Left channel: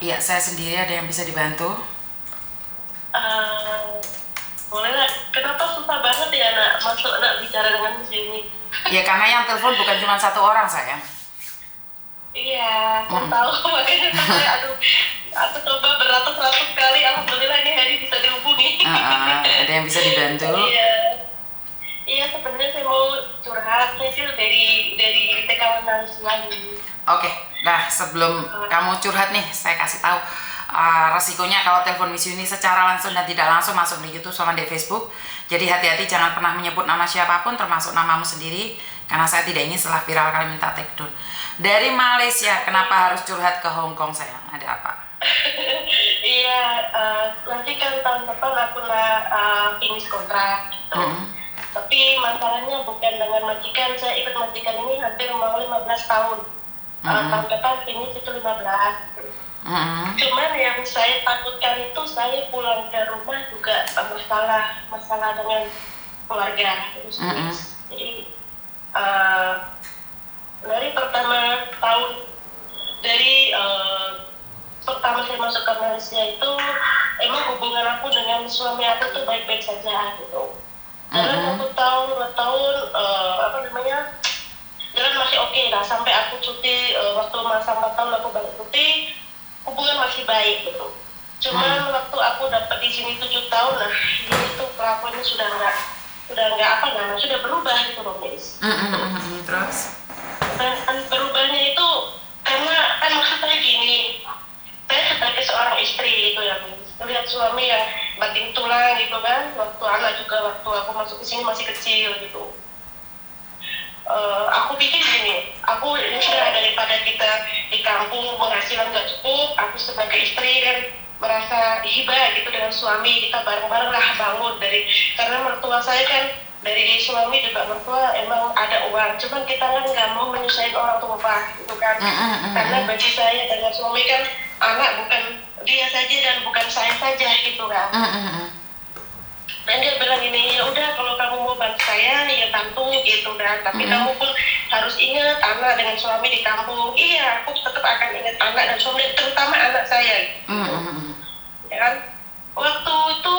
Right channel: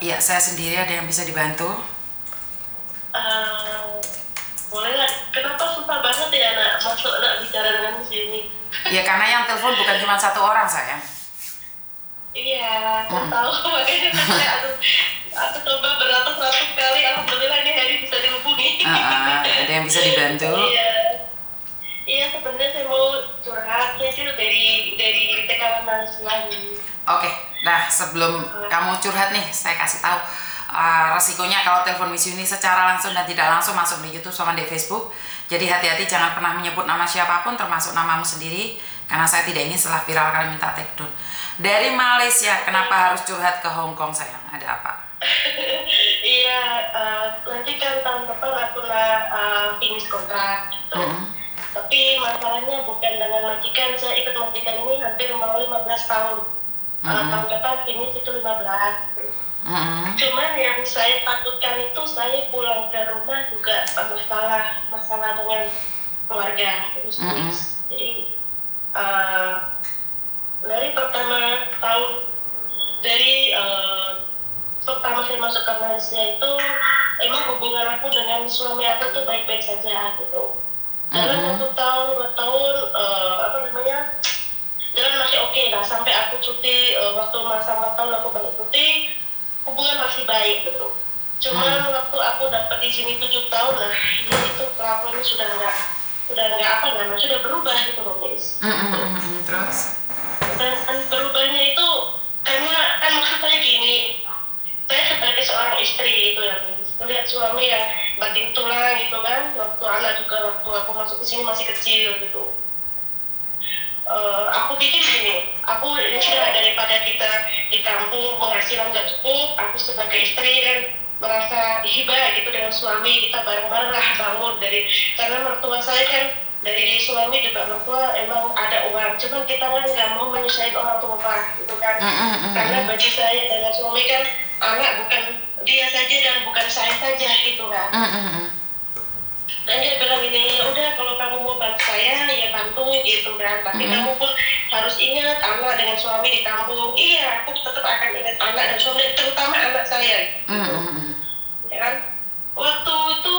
Iya, saya sendiri, ada yang bisa dibantu? Eh, Boleh nggak? Kenapa susah banget ya masuk bicara dengan sini? Ya karena yang telepon bukan cuma satu orang sayang. Iya, aku tahu. Makanya kan saya aku coba beratus-ratus kali. Alhamdulillah ini hari bisa dihubungi. Ada yang bisa dibantu? Iya, iya sebenarnya saya mau curhat. Saya itu dari TKW Malaysia ini. Oke, nah sebelum kamu curhat nih, saya kasih tahu resikonya kalau telepon Miss Yuni secara langsung dan tidak langsung masuk di YouTube sama di Facebook. Jadi hati-hati, jangan pernah menyebut nama siapapun termasuk namamu sendiri, karena saya tidak ingin setelah viral kalian minta take down. Dari Malaysia, kenapa harus curhat ke Hong Kong sayang? Ada apa? Iya, nanti kan tahun depan aku finish kontrak gitu. Tapi masalahnya bukan dengan majikan. Saya ikut majikan ini hampir mau 15 tahun. Tahun depan finish itu 15. Cuman yang saya takutkan itu saya pulang ke rumah juga masalah dengan keluarga itu sendiri. Jadi dari pertama saya masuk ke Malaysia itu emang hubungan aku dengan suami aku tuh baik-baik saja gitu. Jalan 1 tahun 2 tahun jalan masih oke lah, sampai aku cuti waktu masa 4 tahun aku balik cuti, hubungan masih baik gitu. Cuman waktu aku dapat di sini 7 tahun, nah ini tuh kelakuannya sudah sudah berubah gitu loh, guys. Terus? Dan berubahnya itu karena kan maksud saya gini, saya sebagai seorang istri itu ya, melihat suami yang banting tulang gitu kan, waktu anak juga waktu aku masuk ke sini masih kecil gitu. Aku pikir gini, aku ini sudah daripada kita di kampung penghasilan nggak cukup, aku sebagai istri kan merasa hibah gitu dengan suami, kita bareng-bareng lah bangun karena mertua saya kan dari suami juga mertua emang ada uang, cuman kita kan nggak mau menyusahin orang tua gitu kan. Karena bagi saya dengan suami kan anak bukan dia saja dan bukan saya saja gitu kan. Dan dia bilang gini, ya udah kalau kamu mau bantu saya ya bantu gitu kan, tapi kamu pun harus ingat anak dengan suami di kampung. Iya, aku tetap akan ingat anak dan suami, terutama anak saya gitu. Ya kan, waktu itu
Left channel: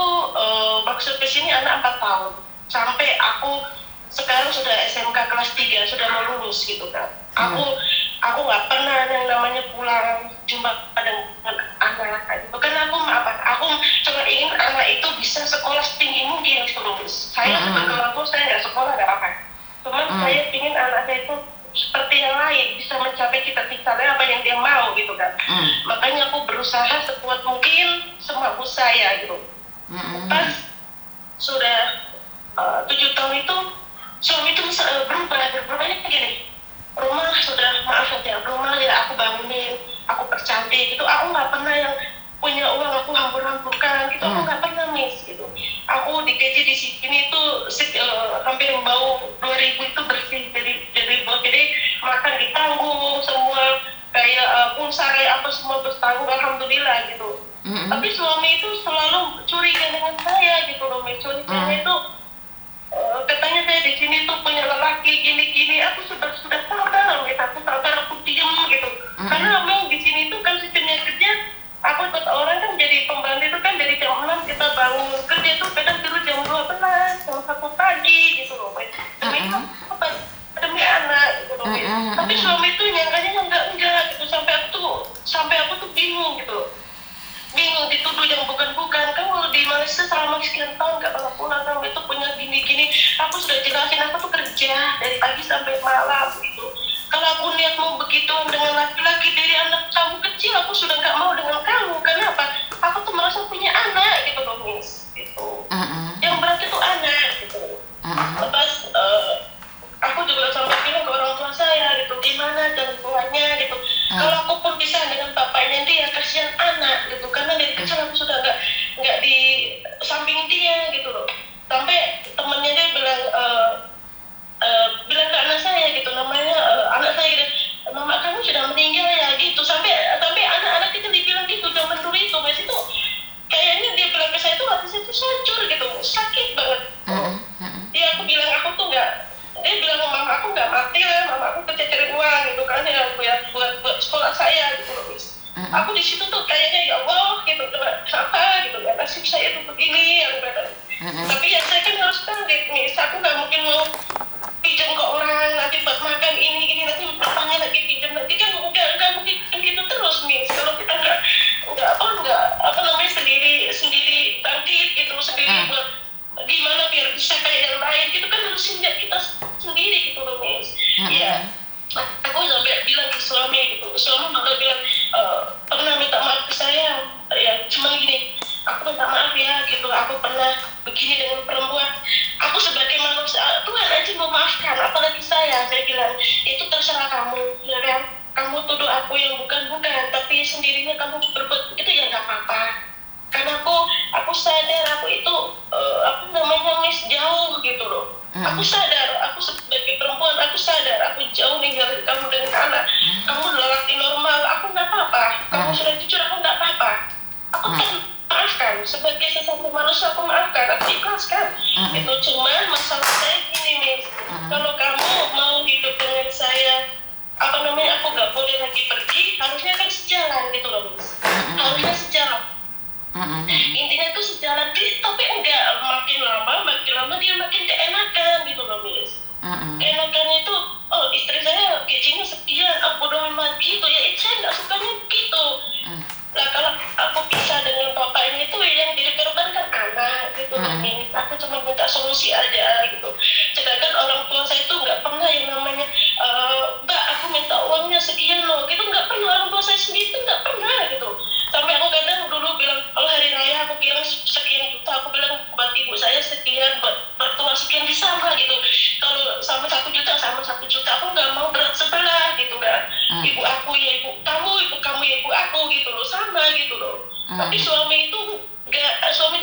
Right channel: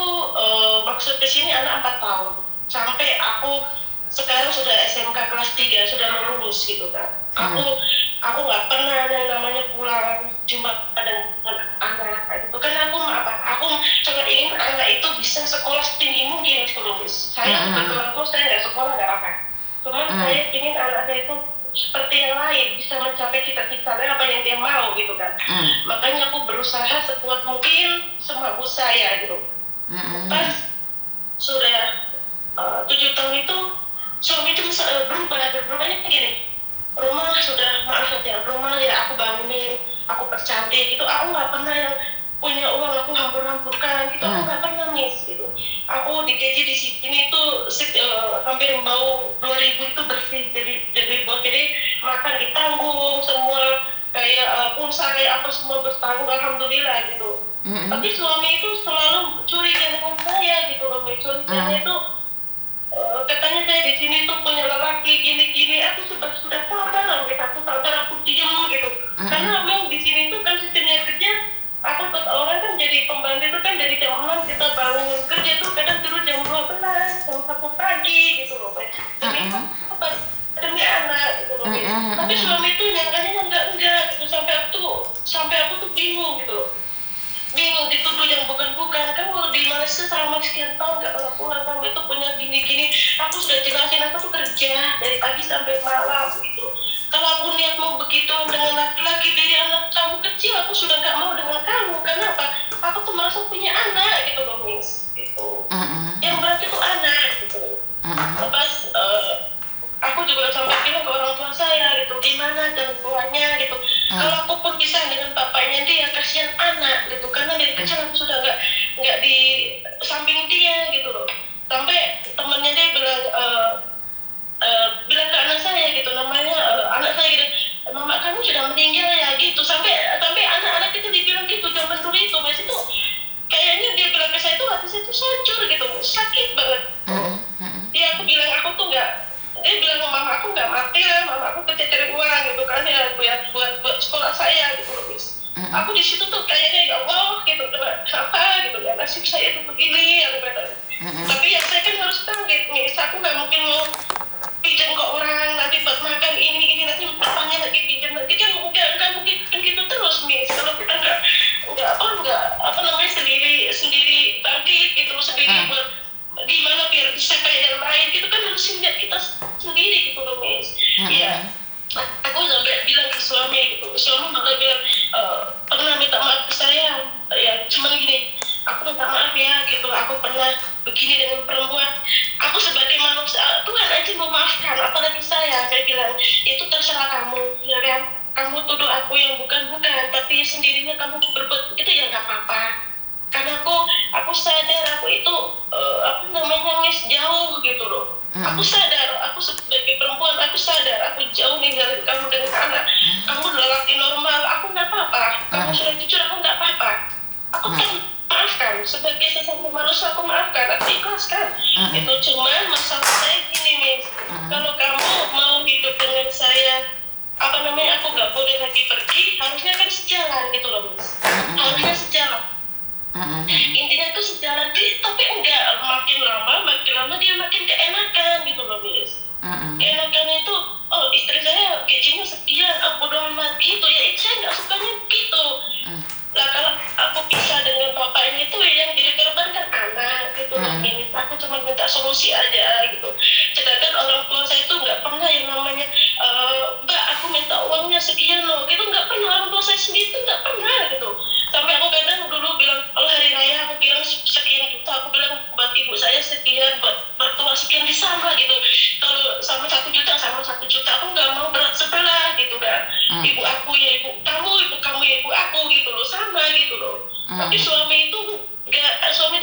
maksud kesini anak 4 tahun sampai aku sekarang sudah SMK kelas 3, sudah mau lulus gitu kan. Aku nggak pernah yang namanya pulang jumpa dengan anak gitu kan. Aku cuma ingin anak itu bisa sekolah setinggi mungkin lulus. Saya sebagai orang tua, saya nggak sekolah nggak apa, cuman saya ingin anak saya itu seperti yang lain, bisa mencapai cita-citanya apa yang dia mau gitu kan. Makanya aku berusaha sekuat mungkin semampu saya gitu. Pas sudah 7 tahun itu suami itu berubahnya gini, rumah sudah maaf ya, rumah ya aku bangunin, aku percantik gitu, aku nggak pernah yang punya uang aku hampur-hampurkan gitu, aku nggak pernah miss gitu. Aku digaji di sini tuh hampir bau 2000 itu bersih, jadi makan ditanggung semua, kayak pulsa kayak apa semua bertanggung, alhamdulillah gitu. Tapi suami itu selalu curiga dengan saya gitu loh, curiganya itu katanya saya di sini tuh punya lelaki gini-gini. Aku sudah sabar gitu, aku diem gitu. Karena memang di sini tuh kan sistemnya kerja, aku ikut orang kan jadi pembantu itu kan dari jam 6 kita bangun kerja tuh kadang dulu jam 12, jam 1 pagi gitu loh. Demi anak gitu loh. Tapi suami tuh nyangkanya enggak gitu, sampai aku tuh bingung gitu. Bingung dituduh yang bukan-bukan. Kan kalau di Malaysia selama sekian tahun gak pernah pulang, kamu itu punya gini-gini. Aku sudah jelasin, aku tuh kerja dari pagi sampai malam gitu. Kalau aku niat mau begitu dengan laki-laki dari anak kamu kecil, aku sudah gak mau dengan kamu. Kenapa? Aku tuh merasa punya anak gitu loh, Miss gitu. Yang berarti tuh anak gitu. Lepas aku juga sampai bilang ke orang tua saya gitu, gimana dan tuanya gitu. Kalau aku pun bisa dengan bapaknya dia, kasihan anak gitu, karena dari kecil aku sudah nggak di samping dia gitu loh. Sampai temennya dia bilang ke anak saya gitu, namanya anak saya gitu, mama kamu sudah meninggal ya gitu. Sampai anak-anak itu dibilang gitu zaman dulu itu, mas itu kayaknya dia bilang ke saya itu hati saya itu hancur gitu, sakit banget. Dia aku bilang aku tuh nggak, dia bilang mama aku nggak mati lah, mama aku kerja cari uang gitu kan ya buat sekolah saya gitu loh, Miss. Aku di situ tuh kayaknya ya Allah gitu, kenapa gitu ya, nasib saya tuh begini, aku kata. Tapi ya saya kan harus tahu nih, aku nggak mungkin mau pinjam ke orang nanti buat makan ini nanti depannya lagi pinjam, nanti kan nggak mungkin gitu terus nih. Kalau kita nggak apa namanya sendiri bangkit gitu, sendiri buat gimana biar bisa kayak yang lain gitu kan, harus kita sendiri gitu loh, Miss. Iya. Aku sampai bilang ke suami gitu, suami malah bilang pernah minta maaf ke saya, ya cuman gini, aku minta maaf ya gitu, aku pernah begini dengan perempuan, aku sebagai manusia Tuhan aja memaafkan, apalagi saya bilang itu terserah kamu, ya kan, kamu tuduh aku yang bukan, tapi sendirinya kamu berbuat itu ya nggak apa-apa, karena aku sadar aku itu apa namanya, Miss, jauh gitu loh. Aku sadar, aku sebagai perempuan, aku sadar, aku jauh ninggalin kamu dengan anak. Kamu lelaki normal, aku nggak apa-apa. Kamu sudah jujur, aku nggak apa-apa. Aku kan maafkan, sebagai sesama manusia aku maafkan, aku ikhlaskan. Itu cuman masalah saya gini, Miss. Kalau kamu mau hidup dengan saya, apa namanya, aku nggak boleh lagi pergi, harusnya kan sejalan gitu loh, Miss. Harusnya sejalan. Intinya itu sejalan, tapi enggak, makin lama dia makin keenakan gitu loh, Miss. Keenakan itu, oh istri saya gajinya sekian, bodo amat gitu ya, saya nggak sukanya gitu. Lah kalau aku pisah dengan bapaknya itu yang jadi korban kan anak gitu loh, Miss. Aku cuma minta solusi aja gitu. Sedangkan orang tua saya itu nggak pernah yang namanya Mbak aku minta uangnya sekian loh gitu, nggak pernah. Orang tua saya sendiri itu nggak pernah gitu. Sampai aku kadang dulu bilang, kalau hari raya aku bilang sekian juta, aku bilang buat ibu saya sekian, buat mertua sekian, sama gitu. Kalau sama 1 juta, aku nggak mau berat sebelah gitu kan. Ibu aku ya ibu kamu ya ibu aku gitu loh, sama gitu loh. Tapi suami itu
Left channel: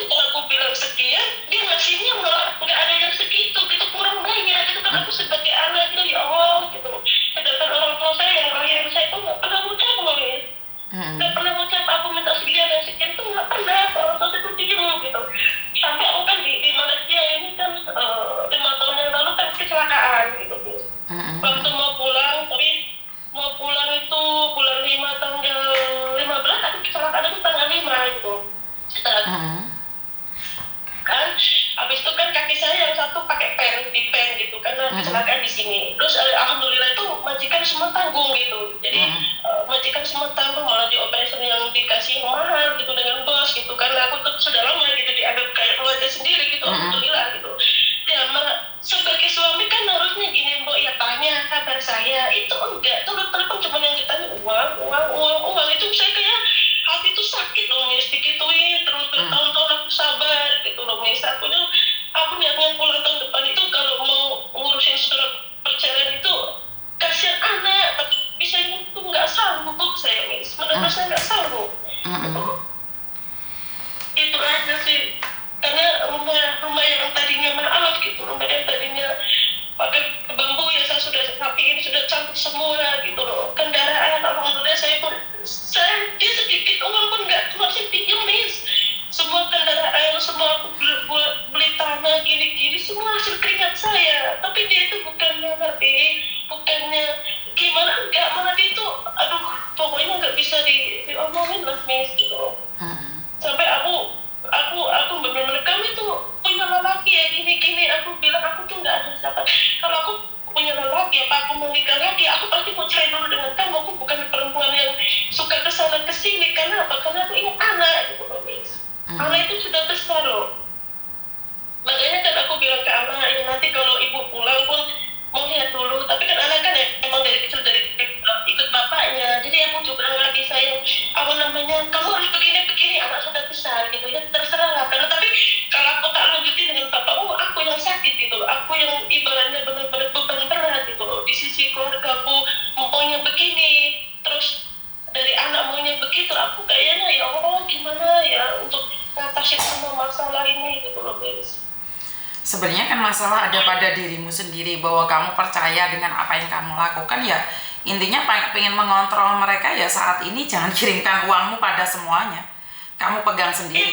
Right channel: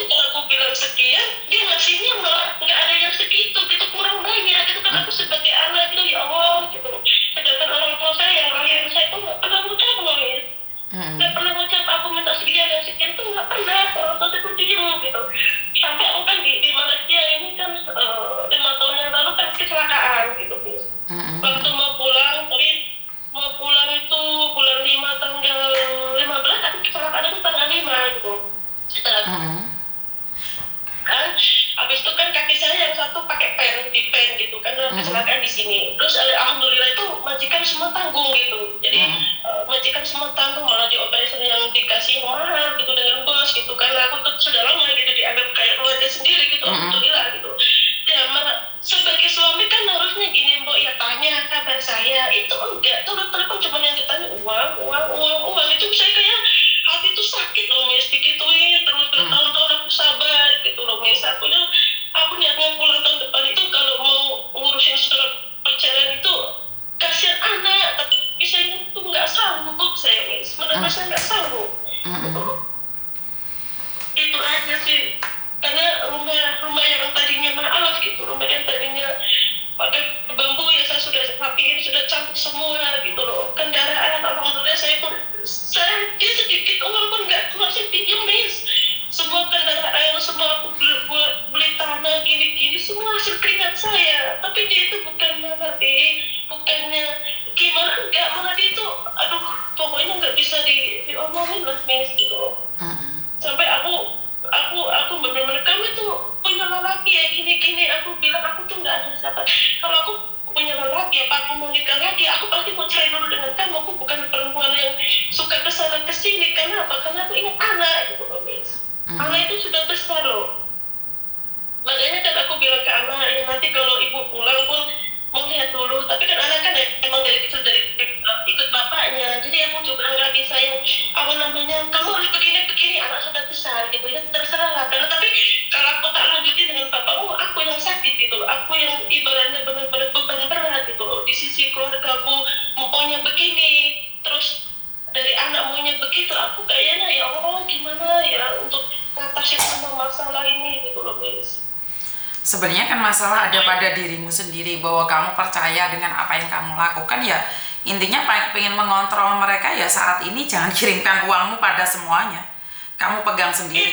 kalau aku bilang sekian, dia ngasihnya malah nggak ada yang segitu gitu, kurang banyak gitu kan. Aku sebagai anak gitu, ya Allah gitu. Sedangkan orang tua saya yang lahir saya itu nggak pernah ngucap loh, ya. Nggak pernah ngucap aku minta sekian dan sekian tuh nggak pernah. Orang tua saya tuh diem gitu. Sampai aku kan di Malaysia ini kan 5 tahun yang lalu kan kecelakaan gitu. Waktu mau pulang itu bulan 5 tanggal 15, aku kecelakaan itu tanggal 5 gitu. Kan habis itu kan kaki saya yang satu pakai pen gitu karena kecelakaan di sini. Terus alhamdulillah itu majikan semua tanggung gitu. Jadi majikan semua tanggung, malah di operasi yang dikasih yang mahal gitu dengan bos gitu, karena aku sudah lama gitu dianggap kayak keluarga sendiri gitu. Alhamdulillah gitu. Ya sebagai suami kan harusnya gini, Mbok, ya tanya kabar saya, itu enggak, telepon cuma yang ditanya uang itu. Saya kayak hati itu sakit loh, Miss, digituin terus bertahun-tahun. Aku sabar gitu loh, Miss. Aku niatnya pulang tahun depan itu kalau mau ngurusin surat perceraian itu, kasihan anak, tapi bisa itu nggak sanggup saya, Miss. Benar-benar saya nggak sanggup. Itu aja sih. Karena rumah yang tadinya maaf gitu, rumah yang tadinya pakai bambu ya saya sudah rapiin, sudah cantik semua gitu loh. Kendaraan alhamdulillah saya dia sedikit uang pun nggak masih pinjam, Miss. Semua kendaraan, semua aku beli tanah gini semua hasil keringat saya. Tapi dia itu bukannya gimana, enggak, malah dia itu pokoknya nggak bisa diomongin lah, Miss gitu. Sampai aku benar-benar, kamu itu punya lelaki ya gini, aku bilang aku tuh nggak ada siapa. Kalau aku punya lelaki, apa aku mau nikah lagi, aku pasti mau cerai dulu dengan kamu. Aku bukan perempuan yang suka kesana kesini. Karena apa? Karena aku ingat anak gitu loh, Miss. Anak itu sudah besar loh. Makanya kan aku bilang ke anak, ya nanti kalau ibu pulang pun mau lihat dulu. Tapi kan anak kan ya emang dari kecil ikut bapaknya, jadi aku juga nggak bisa yang kamu harus begini, anak sudah besar gitu ya, terserah lah. Karena tapi kalau aku tak lanjutin dengan bapakmu, aku yang sakit gitu loh, aku yang ibaratnya benar-benar beban berat gitu loh. Di sisi keluargaku maunya begini, terus dari anak maunya begitu, aku kayaknya ya Allah gimana ya untuk ngatasin semua masalah ini gitu loh, Miss. Sebenarnya kan masalah ada pada dirimu sendiri, bahwa kamu percaya dengan apa yang kamu lakukan. Ya intinya pengen mengontrol mereka, ya saat ini jangan kirimkan uangmu pada semuanya, kamu pegang sendiri.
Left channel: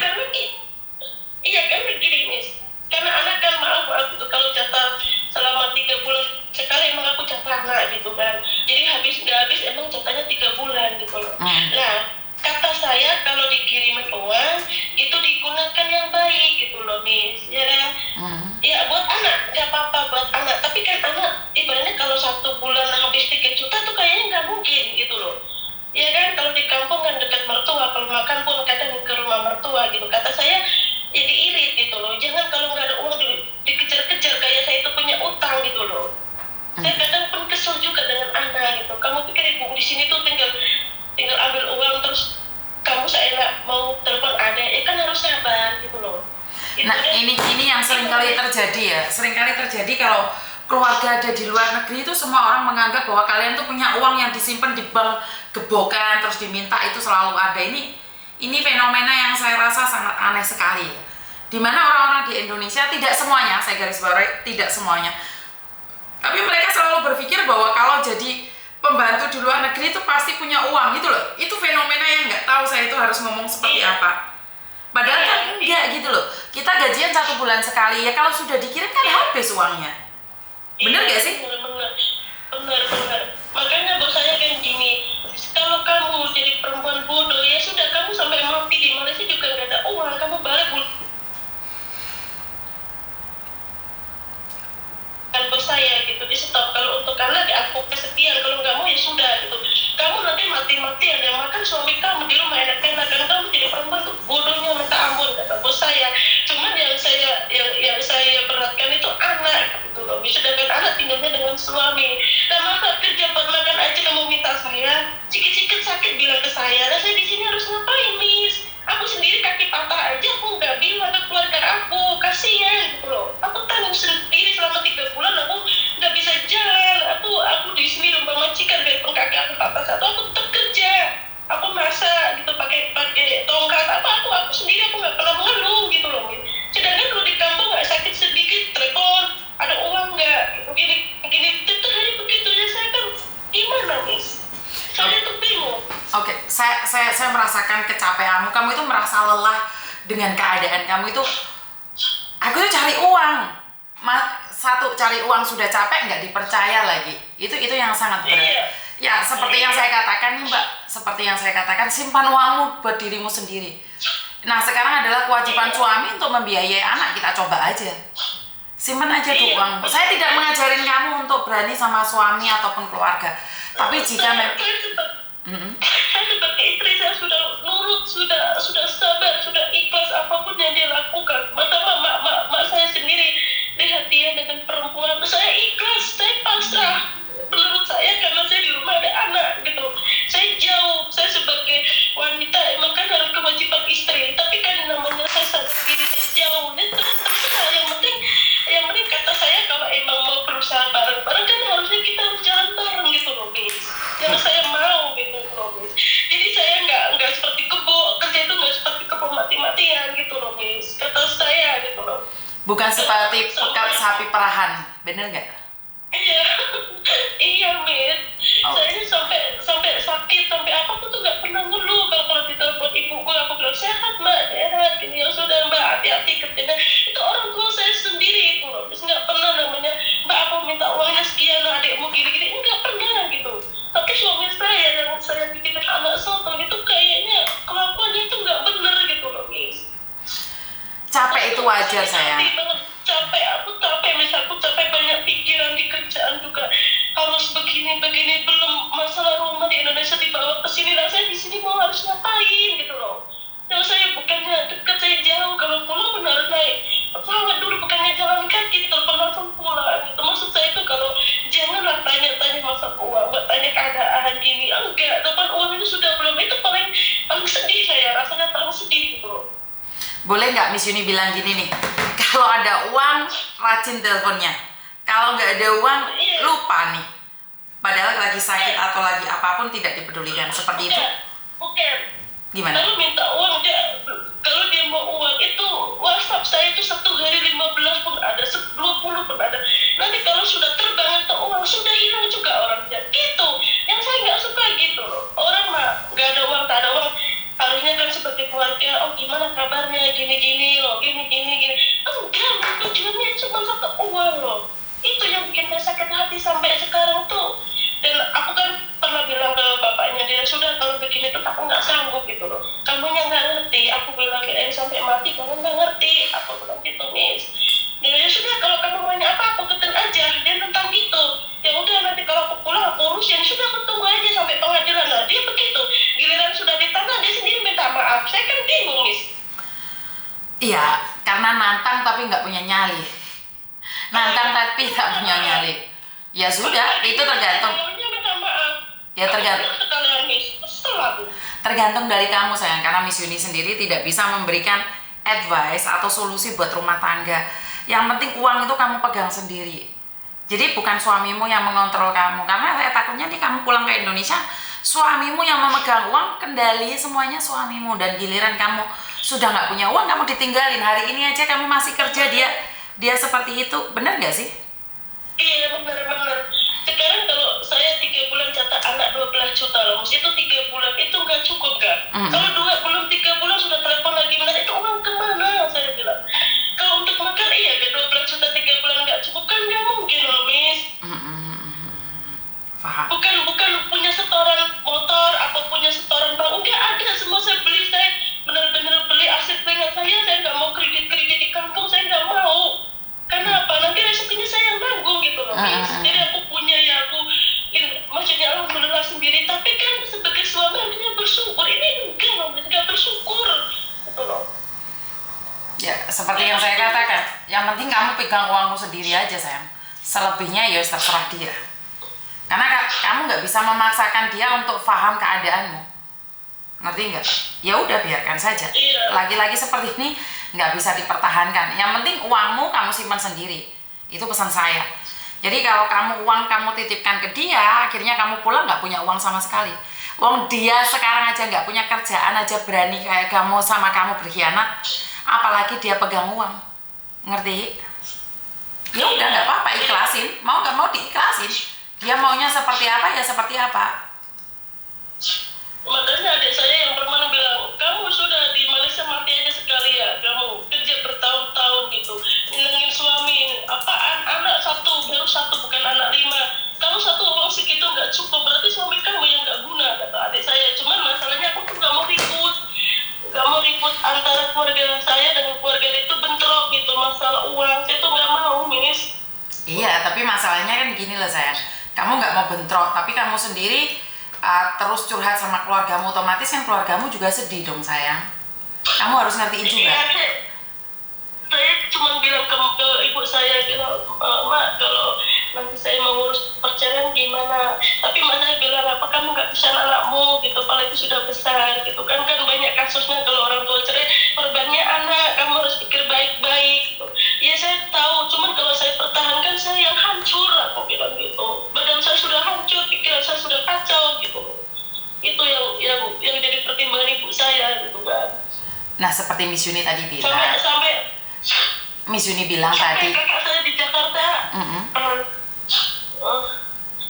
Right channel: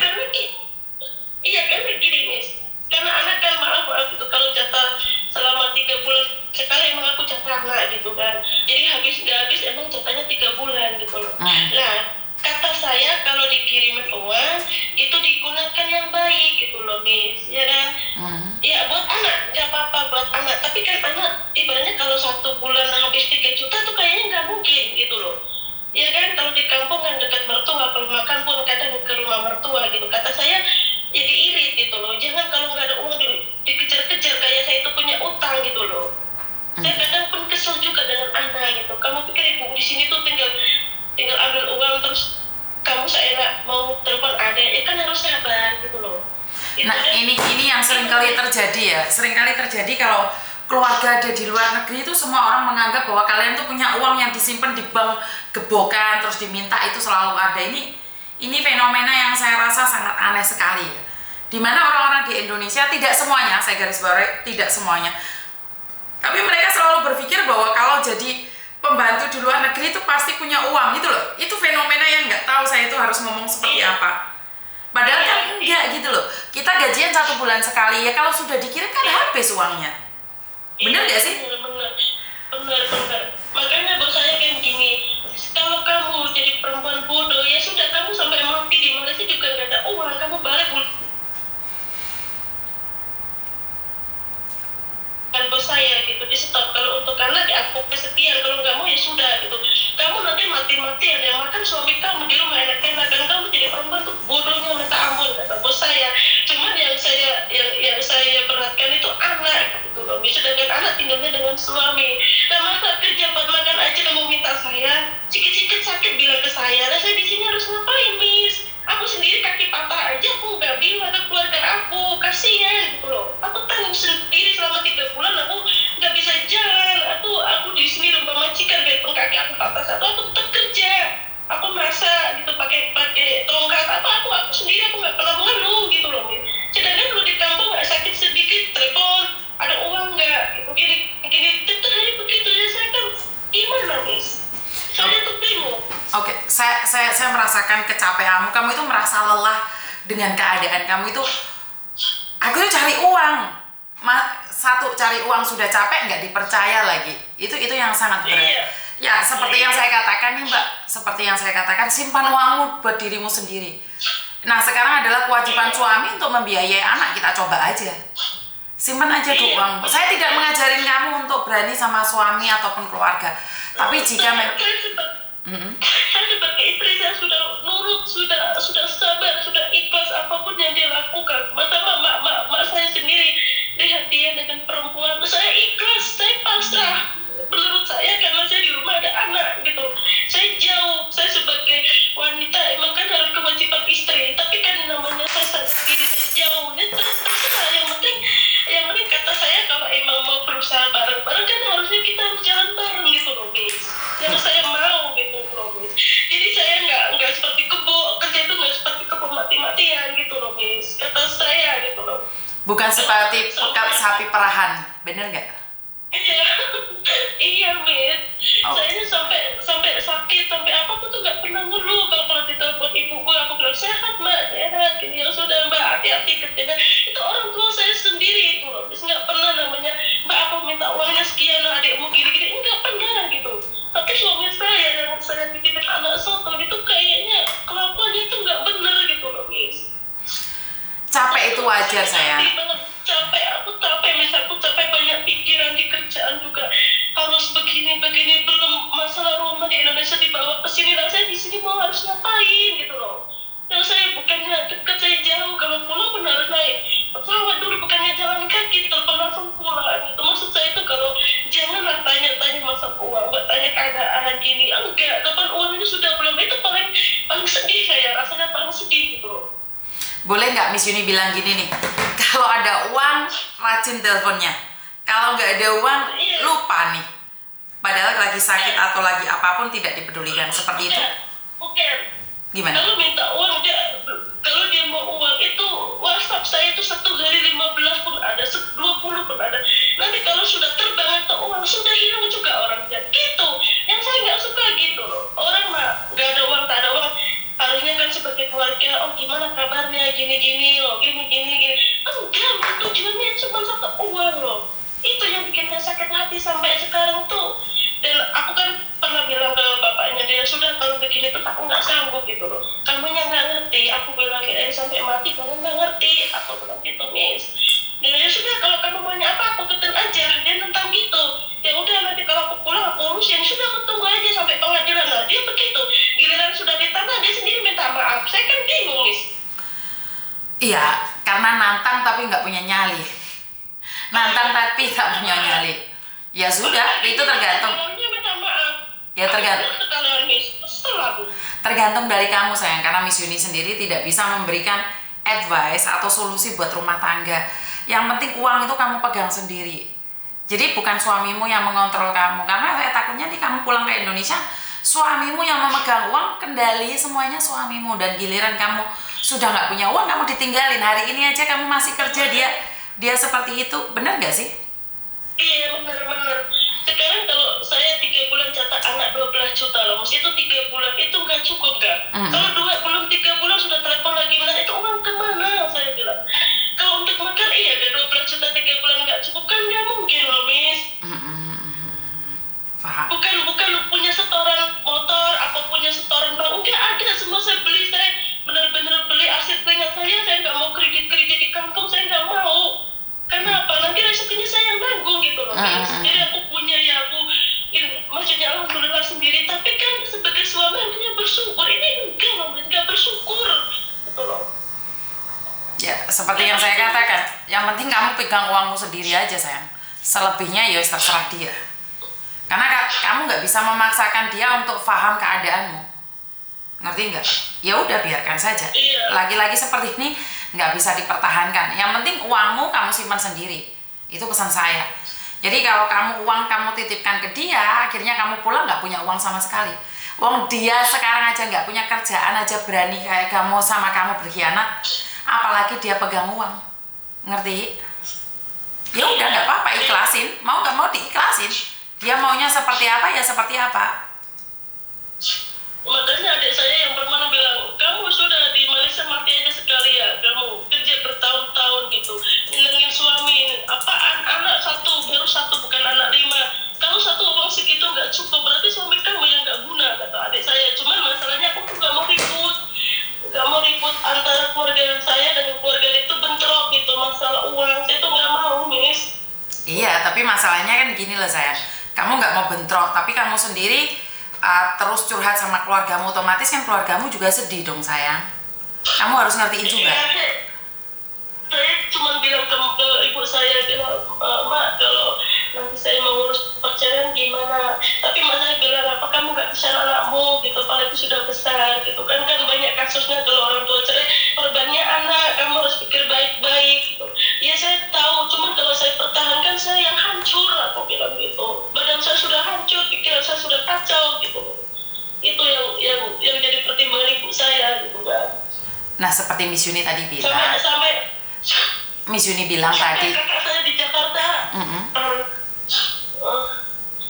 Iya kan begini, Miss, karena anak kan maaf gitu, kalau jatah selama 3 bulan sekali emang aku jatah anak gitu kan, jadi nggak habis emang jatahnya 3 bulan gitu loh. Nah membesarkan yang baik gitu loh Miss, ya kan? Ya buat anak nggak apa-apa buat anak, tapi kan anak ibaratnya kalau 1 bulan habis 3 juta tuh kayaknya nggak mungkin gitu loh. Ya kan, kalau di kampung kan dekat mertua, kalau makan pun kadang ke rumah mertua gitu. Kata saya jadi irit gitu loh. Jangan kalau nggak ada uang dikejar-kejar kayak saya itu punya utang gitu loh. Saya kadang pun kesel juga dengan anak gitu. Kamu pikir ibu di sini tuh tinggal ambil uang terus kamu seenak mau telepon ada, ya kan harus sabar gitu loh. Nah ini yang seringkali terjadi ya, seringkali terjadi kalau keluarga ada di luar negeri itu semua orang menganggap bahwa kalian tuh punya uang yang disimpan di bank gebokan terus diminta itu selalu ada. Ini fenomena yang saya rasa sangat aneh sekali ya. Dimana orang-orang di Indonesia, tidak semuanya, saya garis bawahi tidak semuanya, tapi mereka selalu berpikir bahwa kalau jadi pembantu di luar negeri itu pasti punya uang gitu loh. Itu fenomena yang nggak tahu saya itu harus ngomong seperti apa. Padahal kan enggak gitu loh. Kita gajian 1 bulan sekali ya, kalau sudah dikirim kan habis uangnya. Bener gak sih? Bener. Makanya bos saya kan gini, kalau kamu jadi perempuan bodoh ya sudah, kamu sampai mati di Malaysia juga nggak ada uang, kamu balik kan bos saya gitu, di stop. Kalau untuk anak ya aku kesekian, kalau nggak mau ya sudah gitu. Kamu nanti mati ada yang makan suami kamu di rumah enak-enak, dan kamu jadi perempuan tuh bodohnya minta ampun kata bos saya. Cuman yang saya beratkan itu anak gitu loh. Sedangkan anak tinggalnya dengan suami. Nah masa kerja buat makan aja kamu minta saya, sikit-sikit sakit bilang ke saya. Nah saya di sini harus ngapain Miss? Aku sendiri kaki patah aja aku nggak bilang ke keluarga aku, kasihan gitu loh. Aku tanggung sendiri selama 3 bulan, aku nggak bisa jalan. Aku di sini lupa majikan, biarpun kaki aku patah satu, aku tetap kerja. Aku masak gitu pakai tongkat aku sendiri, aku nggak pernah mengeluh gitu loh. Sedangkan kalau di kampung nggak sakit sedikit telepon, ada uang nggak gitu, gini tetap hari begitu ya. Saya kan gimana Miss? Saya tuh bingung. Oke, saya merasakan kecapeanmu. Kamu itu merasa lelah dengan keadaan kamu itu. Aku tuh cari uang. Satu, cari uang sudah capek, nggak dipercaya lagi. Itu yang sangat berat. Ya, seperti yang saya katakan nih Mbak, seperti yang saya katakan, simpan uangmu buat dirimu sendiri. Nah, sekarang adalah kewajiban suami untuk membiayai anak. Kita coba aja. Simpan aja tuh uang. Saya tidak mengajarin kamu untuk berani sama suami ataupun keluarga. Tapi jika saya sebagai istri, saya sudah nurut, sudah sabar, sudah ikhlas apapun yang dia lakukan. Masa mak saya sendiri lihat dia dengan perempuan, saya ikhlas, saya pasrah. Menurut saya karena saya di rumah ada anak gitu, saya jauh. Saya sebagai wanita emang kan harus kewajiban istri, tapi kan namanya saya sendiri, saya jauh. Ini terserah. Yang penting kata saya, kalau emang mau berusaha bareng-bareng kan harusnya kita harus jalan bareng gitu loh Miss. Yang saya mau gitu loh Miss. Jadi saya nggak seperti kebo, kerja itu nggak seperti kebo mati-matian gitu loh Miss. Kata saya gitu loh. Bukan seperti pekat sapi perahan, bener nggak? Iya Miss. Saya ini sampai sakit, sampai apa aku tuh nggak pernah ngeluh. Kalau ditelepon ibuku, aku bilang sehat Mbak, sehat. Gini ya sudah Mbak, hati-hati kerjanya. Itu orang tua saya sendiri itu loh. Terus nggak pernah namanya Mbak aku minta uangnya sekian, adikmu gini-gini, nggak pernah gitu. Tapi suami saya yang saya bikin anak soto itu kayaknya kelakuannya itu nggak bener gitu loh Miss. Capek itu wajar sayang. Aku capek, misal aku capek banyak pikiran di kerjaan juga, harus begini belum masalah rumah di Indonesia dibawa ke sini. Nah saya di sini mau harus ngapain gitu loh. Yang saya bukannya dekat, saya jauh. Kalau pulang pun harus naik pesawat dulu, bukannya jalan kaki telepon langsung pulang gitu. Maksud saya itu kalau janganlah tanya-tanya masalah uang, tanya keadaan gini, enggak. Kapan uang itu sudah belum, itu paling sedih saya, rasanya paling sedih gitu loh. Boleh nggak Miss Yuni bilang gini nih, kalau ada uang rajin teleponnya, kalau nggak ada uang lupa nih, padahal lagi sakit atau lagi apapun tidak dipedulikan, seperti itu? Bukan. Gimana? Kalau minta uang, kalau dia mau uang itu WhatsApp saya itu 1 hari 15 pun ada, 20 pun ada. Nanti kalau sudah terbang atau uang sudah hilang juga orangnya gitu. Yang saya nggak suka gitu loh. Orang mah nggak ada uang, tak ada uang, harusnya kan sebagai keluarga, oh gimana kabarnya, gini loh, gini. Enggak, tujuannya cuma satu uang loh. Itu yang bikin saya sakit hati sampai sekarang tuh. Dan aku kan pernah bilang ke bapaknya sama dia, sudah kalau begini tuh aku nggak sanggup gitu loh, kamunya nggak ngerti, aku bilang kirain sampai mati kamu nggak ngerti, aku bilang gitu Miss. Dia sudah kalau kamu maunya apa aku keten aja, dia tentang gitu, ya udah nanti kalau aku pulang aku urusin, sudah aku tunggu aja sampai pengadilan. Lah dia begitu, giliran sudah di tanah dia sendiri minta maaf, saya kan bingung Miss. Iya, karena nantang tapi nggak punya nyali. Nantang tapi nggak punya nyali. Ya sudah, itu tergantung. Ya tergantung dari kamu sayang, karena Miss Yuni sendiri tidak bisa memberikan advice atau solusi buat rumah tangga. Yang penting uang itu kamu pegang sendiri. Jadi bukan suamimu yang mengontrol kamu, karena saya takutnya nih kamu pulang ke Indonesia, suamimu yang memegang uang, kendali semuanya suamimu, dan giliran kamu sudah nggak punya uang, kamu ditinggalin. Hari ini aja kamu masih kerja, dia seperti itu, benar nggak sih? Iya benar. Sekarang kalau saya 3 bulan catat anak 12 juta loh, mesti itu 3 bulan itu nggak cukup kan? Kalau belum 3 bulan sudah telepon lagi, mana itu uang kemana? Saya bilang. Kalau untuk makan iya, ke 12 juta 3 bulan nggak cukup kan nggak mungkin loh Miss. Paham. Bukan punya setoran motor, apa punya setoran bank, nggak ada, semua saya beli. Saya benar-benar beli aset ringan saya nggak mau kredit di kampung, saya nggak mau. Karena apa? Nanti resikonya saya yang nanggung gitu loh. Jadi aku punya ya aku, maksudnya alhamdulillah sendiri. Tapi kan sebagai suami harusnya bersyukur. Ini enggak bersyukur gitu loh. Ya seperti yang saya katakan, yang penting kamu pegang uangmu sendiri aja sayang. Selebihnya ya terserah dia. Karena kamu nggak bisa memaksakan dia untuk paham keadaanmu. Ngerti nggak? Ya udah biarkan saja. Lagi-lagi seperti ini nggak bisa dipertahankan. Yang penting uangmu kamu simpan sendiri. Itu pesan saya. Jadi kalau uang kamu titipkan ke dia, akhirnya kamu pulang nggak punya uang sama sekali. Uang dia sekarang aja nggak punya kerjaan aja berani kayak kamu sama kamu berkhianat, apalagi dia pegang uang. Ngerti? Ya udah nggak apa-apa, ikhlasin. Mau nggak mau diikhlasin. Dia maunya seperti apa ya seperti apa. Makanya adik saya yang permana bilang, kamu sudah di Malaysia mati aja sekali ya, kamu kerja bertahun-tahun gitu, nyenengin suami, apaan anak baru satu bukan anak 5, kalau satu uang segitu nggak cukup, berarti suami kamu yang nggak guna, kata adik saya. Cuman masalahnya aku tuh nggak mau ribut antara keluarga saya dengan keluarga itu bentrok gitu, masalah uang, saya tuh nggak mau Miss. Iya, tapi masalahnya kan gini loh sayang, kamu nggak mau bentrok, tapi kamu sendiri terus curhat sama keluargamu, otomatis kan keluargamu juga sedih dong sayang. Kamu harus ngertiin juga. Saya cuma bilang ke ibu saya, bilang, Mak kalau nanti saya mau ngurus perceraian gimana, tapi mak saya bilang, apa kamu nggak bisa anakmu gitu, apalagi sudah besar gitu kan banyak kasusnya kalau orang tua cerai korbannya anak, kamu harus pikir baik-baik gitu. Ya saya tahu, cuman kalau saya pertahankan saya yang hancur, aku bilang gitu, badan saya sudah hancur, pikiran saya sudah kacau gitu. Itu yang jadi pertimbangan ibu saya gitu kan. Nah seperti Miss Yuni tadi bilang, Miss Yuni bilang tadi, kakak saya di Jakarta,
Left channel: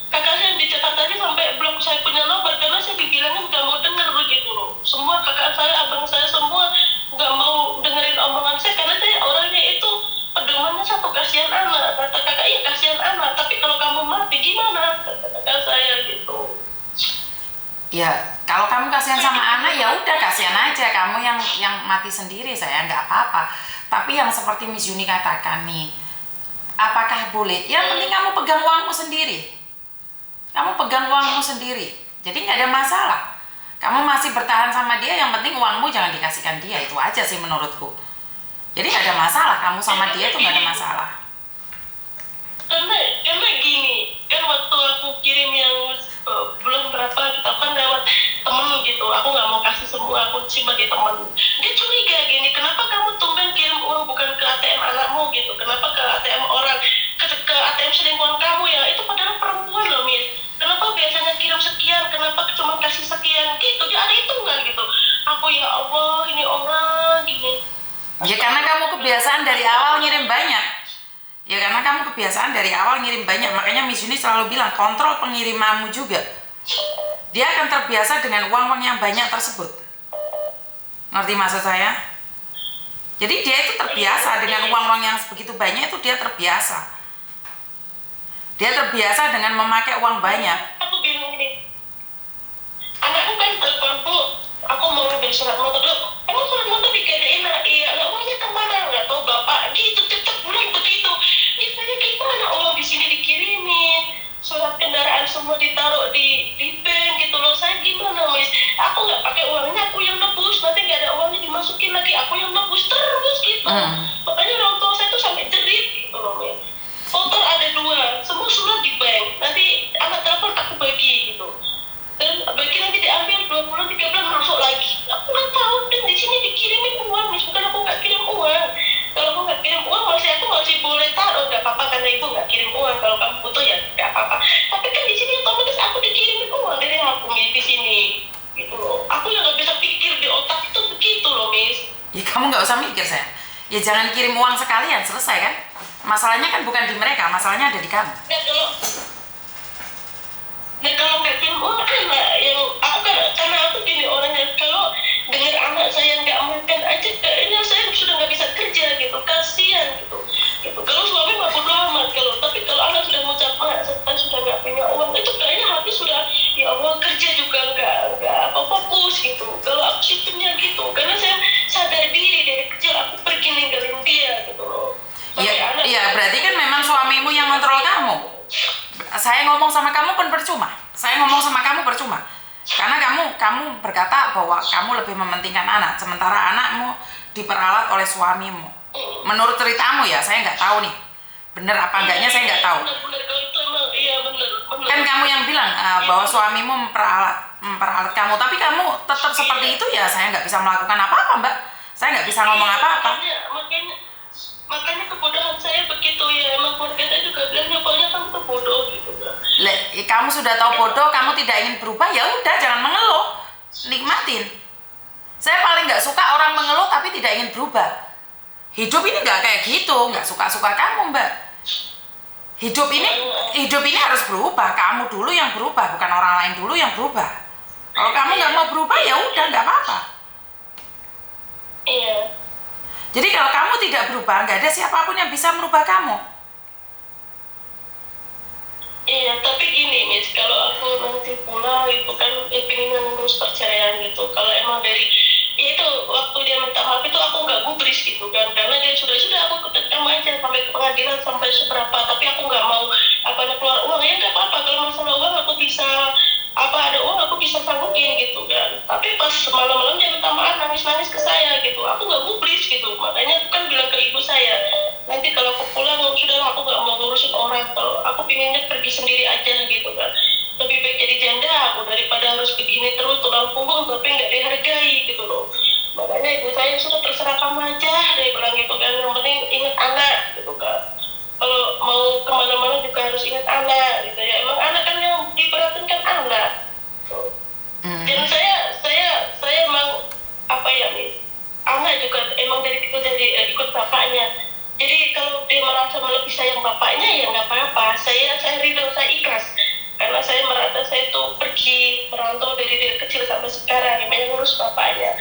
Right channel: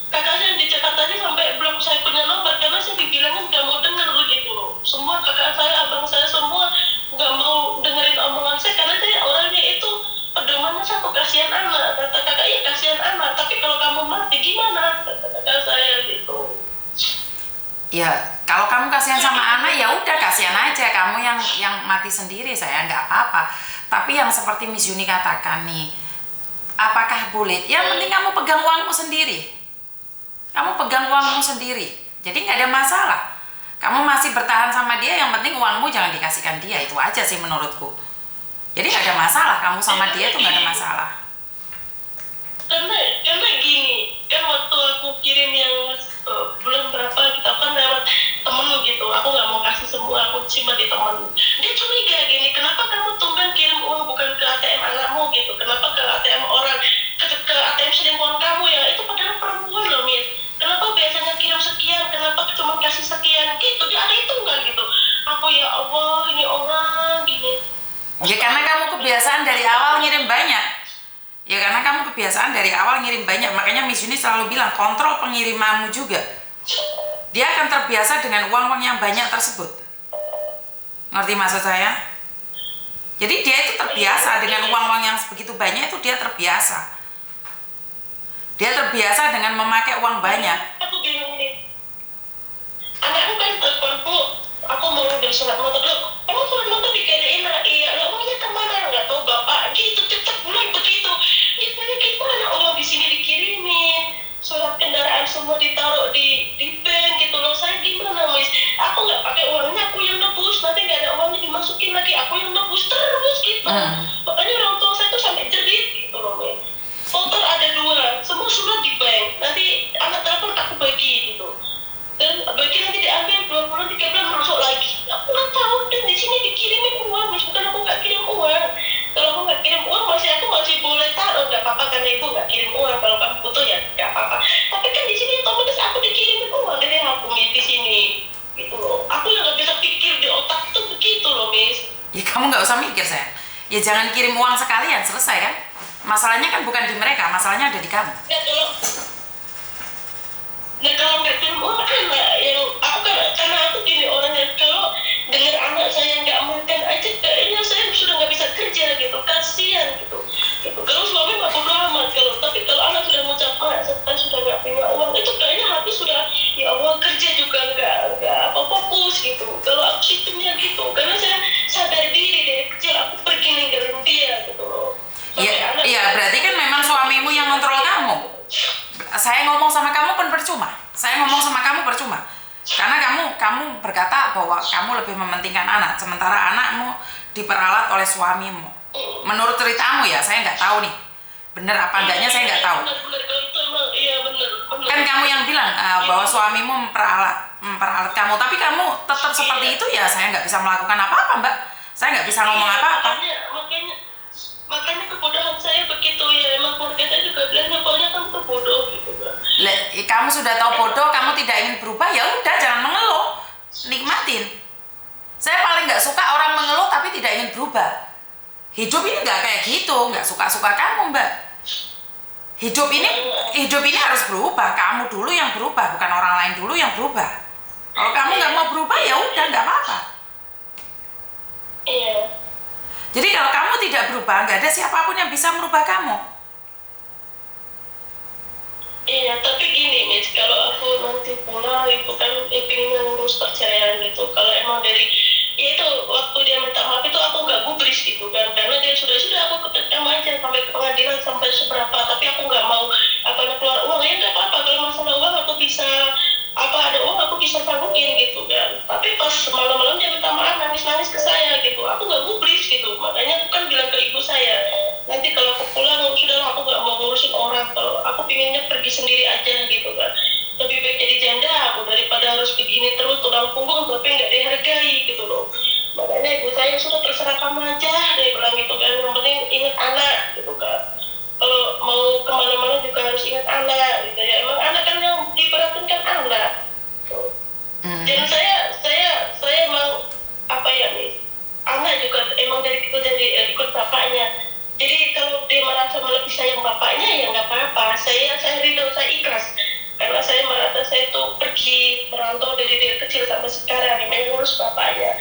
kakak saya di Jakarta aja sampai belum saya punya nomor karena saya dibilangin nggak mau denger gitu loh. Semua kakak saya, abang saya semua nggak mau dengerin omongan saya karena saya orangnya itu pedomannya satu, kasihan anak. Kata kakak, iya kasihan anak, tapi kalau kamu mati gimana? Kata kakak saya gitu. Ya kalau kamu kasihan sama anak ya udah kasihan aja, kamu yang mati sendiri saya nggak apa-apa. Tapi yang seperti Miss Yuni katakan nih, apakah boleh? Yang penting kamu pegang uangmu sendiri. Kamu pegang uangmu sendiri. Jadi nggak ada masalah. Kamu masih bertahan sama dia, yang penting uangmu jangan dikasihkan dia. Itu aja sih menurutku. Jadi nggak ada masalah, kamu sama dia tuh nggak ada masalah. Karena gini, kan waktu aku kirim yang bulan berapa gitu kan lewat temen gitu, aku nggak mau kasih semua, aku simpan di temen. Dia curiga gini, kenapa kamu tumben kirim uang bukan ke ATM anakmu gitu, kenapa ke ATM orang, ke ATM selingkuhan kamu ya, itu padahal perempuan loh Miss, kenapa biasanya kirim sekian, kenapa cuma kasih sekian gitu, dia ada hitungan gitu. Aku ya Allah, ini orang gini. Ya karena kamu kebiasaan dari awal ngirim banyak. Ya karena kamu kebiasaan dari awal ngirim banyak, makanya Miss Yuni selalu bilang kontrol pengirimanmu juga. Dia akan terbiasa dengan uang-uang yang banyak tersebut. Ngerti maksud saya? Jadi dia itu terbiasa dengan uang-uang yang begitu banyak, itu dia terbiasa. Dia terbiasa dengan memakai uang banyak. Aku bingung nih. anakku kan teleponku, aku mau ngambil surat motor dulu. Emang surat motor digadein? Iya, lah uangnya kemana? Nggak tahu bapak. Gitu tetap bulan begitu. Ya saya gimana uang di sini dikirimin, surat kendaraan semua ditaruh di bank gitu loh. Saya gimana Miss? Aku nggak pakai uangnya, aku yang nebus. Nanti nggak ada uangnya dimasukin lagi, aku yang nebus terus gitu. Makanya orang tua saya tuh sampai jerit gitu loh Miss. Motor ada 2, semua surat di bank. Nanti anak telepon aku bagi gitu. Dan bagi nanti diambil 2 bulan 3 bulan masuk lagi. Aku nggak tahu, dan di sini dikirimin uang, bukan aku nggak kirim uang. Kalau aku nggak kirim uang, aku masih boleh taruh, nggak apa-apa karena ibu nggak kirim uang. Kalau kamu butuh ya nggak apa-apa. Tapi kan di sini otomatis aku dikirimin uang dari aku di sini, gitu loh. Aku yang nggak bisa pikir di otak itu begitu loh, Miss. Ya kamu nggak usah mikir sayang. Ya jangan kirim uang sekalian, selesai kan? Masalahnya kan bukan di mereka, masalahnya ada di kamu. Kalau nggak kirim uang anak yang aku karena aku gini orangnya, kalau dengar anak saya nggak makan aja kayaknya saya sudah nggak bisa kerja gitu, kasihan gitu. Kalau suami mah bodo amat, tapi kalau anak sudah ngucap saya sudah nggak punya uang, itu kayaknya hati sudah ya Allah, kerja juga nggak fokus gitu. Kalau aku situnya gitu, karena saya sadar diri dari kecil aku pergi ninggalin dia gitu loh. Iya, berarti kan memang suamimu yang kontrol kamu. Saya ngomong sama kamu pun percuma. Karena kamu berkata bahwa kamu lebih mementingkan anak, sementara anakmu diperalat oleh suamimu. Menurut ceritamu ya, saya nggak tahu nih, bener apa enggaknya saya nggak tahu. Bener, kalau itu emang iya bener. Kan kamu yang bilang bahwa suamimu memperalat kamu, tapi kamu tetap seperti itu ya, saya nggak bisa melakukan apa-apa Mbak. Saya nggak bisa ngomong apa-apa. Makanya kebodohan saya begitu ya, emang keluarga saya juga bilangnya pokoknya kamu tuh bodoh gitu kan. Kamu sudah tahu bodoh, kamu tidak ingin berubah, ya udah jangan mengeluh, nikmatin. Saya paling nggak suka orang mengeluh tapi tidak ingin berubah. Hidup ini nggak kayak gitu, nggak suka-suka kamu Mbak. Hidup ini harus berubah, kamu dulu yang berubah, bukan orang lain dulu yang berubah. Kalau kamu nggak mau berubah ya udah nggak apa-apa. Iya. Jadi kalau kamu tidak berubah, nggak ada siapapun yang bisa merubah kamu. Iya, tapi gini Miss, kalau aku nanti pulang itu kan pengen ngurus perceraian gitu. Kalau emang dari ya itu waktu dia minta maaf itu aku nggak gubris gitu kan, karena dia sudah aku ketekam aja sampai ke pengadilan sampai seberapa, tapi aku nggak mau keluar uang. Ya nggak apa-apa, kalau masalah uang aku bisa ada uang aku bisa sanggupin gitu kan. Tapi pas malam-malam dia minta maaf, nangis-nangis ke saya gitu, aku nggak gubris gitu. Makanya aku kan bilang ke ibu saya, nanti kalau aku pulang sudahlah, aku nggak mau ngurusin orang, kalau aku pinginnya pergi sendiri aja gitu kan. Lebih baik jadi janda aku daripada harus begini terus tulang punggung tapi nggak dihargai gitu loh. Makanya ibu saya sudah terserah kamu aja, dia bilang gitu kan, yang penting ingat anak gitu kan. Kalau mau kemana-mana juga harus ingat anak gitu ya. Emang anak kan yang diperhatiin kan anak. Dan saya emang apa ya Miss, anak juga emang dari kecil jadi ikut bapaknya. Jadi kalau dia merasa lebih sayang bapaknya ya nggak apa-apa. Saya ridho, saya ikhlas. Karena saya merasa saya tuh pergi merantau dari kecil sampai sekarang, yang ngurus bapaknya.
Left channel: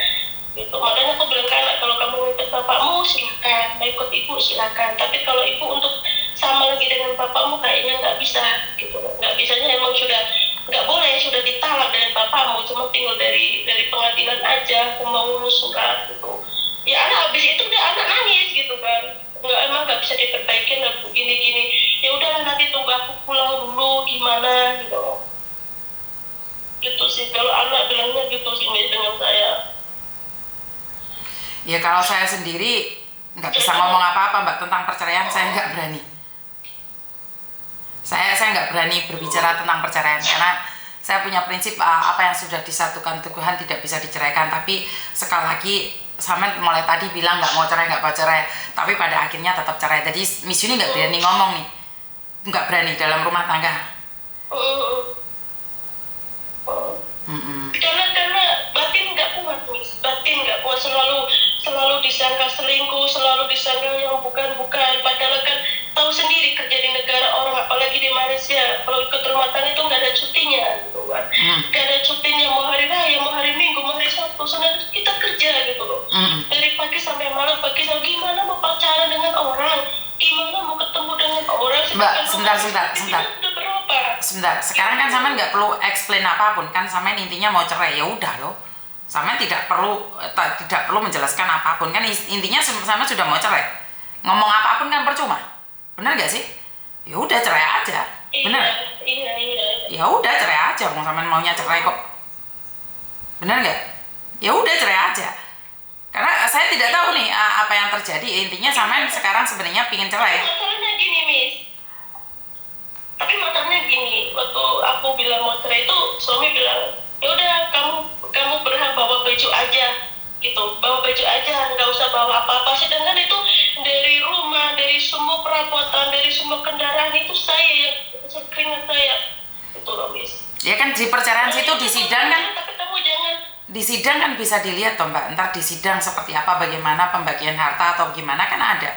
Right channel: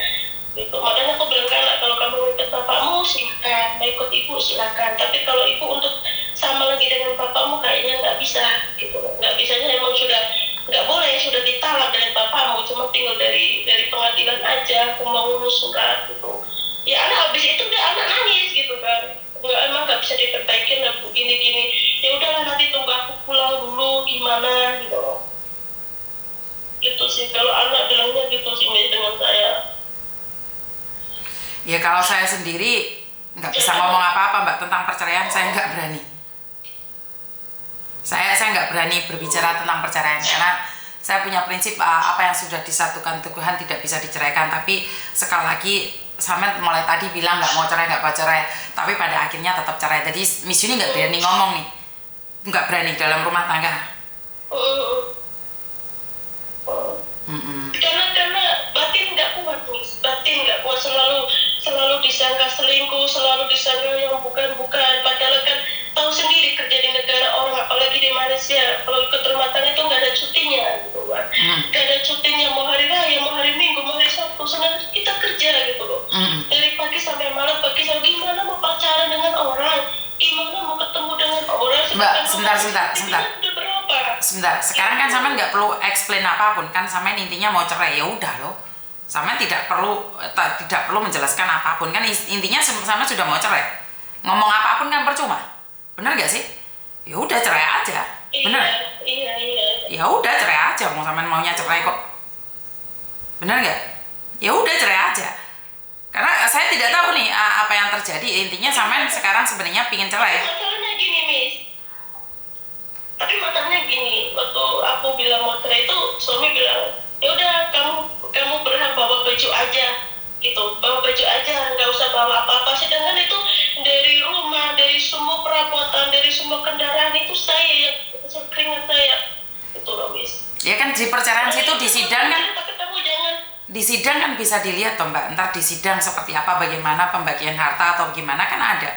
Gitu. Makanya aku bilang ke anak, kalau kamu mau ikut bapakmu silakan, mau ikut ibu silakan. Tapi kalau ibu untuk sama lagi dengan bapakmu kayaknya nggak bisa gitu. Nggak bisanya emang sudah nggak boleh, sudah ditalak dari bapakmu, cuma tinggal dari pengadilan aja, aku mau ngurus surat gitu. Ya anak habis itu dia anak nangis gitu kan. Emang nggak bisa diperbaikin lah begini-gini. Ya udahlah nanti tunggu aku pulang dulu gimana gitu. Gitu sih kalau anak bilangnya gitu sih dengan saya. Ya kalau saya sendiri nggak bisa ngomong apa-apa Mbak tentang perceraian, saya nggak berani. Saya nggak berani berbicara tentang perceraian karena saya punya prinsip apa yang sudah disatukan Tuhan tidak bisa diceraikan. Tapi sekali lagi, Samen mulai tadi bilang nggak mau cerai, nggak mau cerai, tapi pada akhirnya tetap cerai. Jadi Miss Yuni nggak berani ngomong nih, nggak berani dalam rumah tangga. Karena batin nggak kuat Miss, batin nggak kuat, selalu disangka selingkuh, selalu disangka yang bukan, padahal kan tahu sendiri kerja di negara orang, apalagi di Malaysia, kalau ikut rumah tangga itu nggak ada cutinya gitu kan. Nggak ada cutinya, mau hari raya, mau hari minggu, mau hari Sabtu, sebenarnya kita kerja gitu loh. Dari pagi sampai malam, gimana mau pacaran dengan orang, gimana mau ketemu dengan orang. Mbak, sebentar. sebentar. Sekarang kan Samen nggak perlu explain apapun kan, Samen intinya mau cerai, ya udah loh. Samen tidak perlu menjelaskan apapun kan, intinya Samen sudah mau cerai. Ngomong apapun kan percuma. Bener gak sih? Ya udah cerai aja. Bener? Iya. Ya udah cerai aja, mau Samen maunya cerai kok. Bener nggak? Ya udah cerai aja. Karena saya tidak tahu nih apa yang terjadi. Intinya Samen sekarang sebenarnya pingin cerai. Masalahnya gini, Miss. Tapi masalahnya gini, waktu aku bilang mau cerai itu suami bilang, ya udah kamu berhak bawa baju aja, gitu, bawa baju aja, nggak usah bawa apa-apa. Sedangkan itu dari rumah, dari semua perabotan, dari semua kendaraan itu saya yang keringat saya, itu loh, Miss. Ya kan di perceraian situ di sidang kan. Tapi kamu jangan. Di sidang kan bisa dilihat toh Mbak, ntar di sidang seperti apa, bagaimana pembagian harta atau gimana kan ada.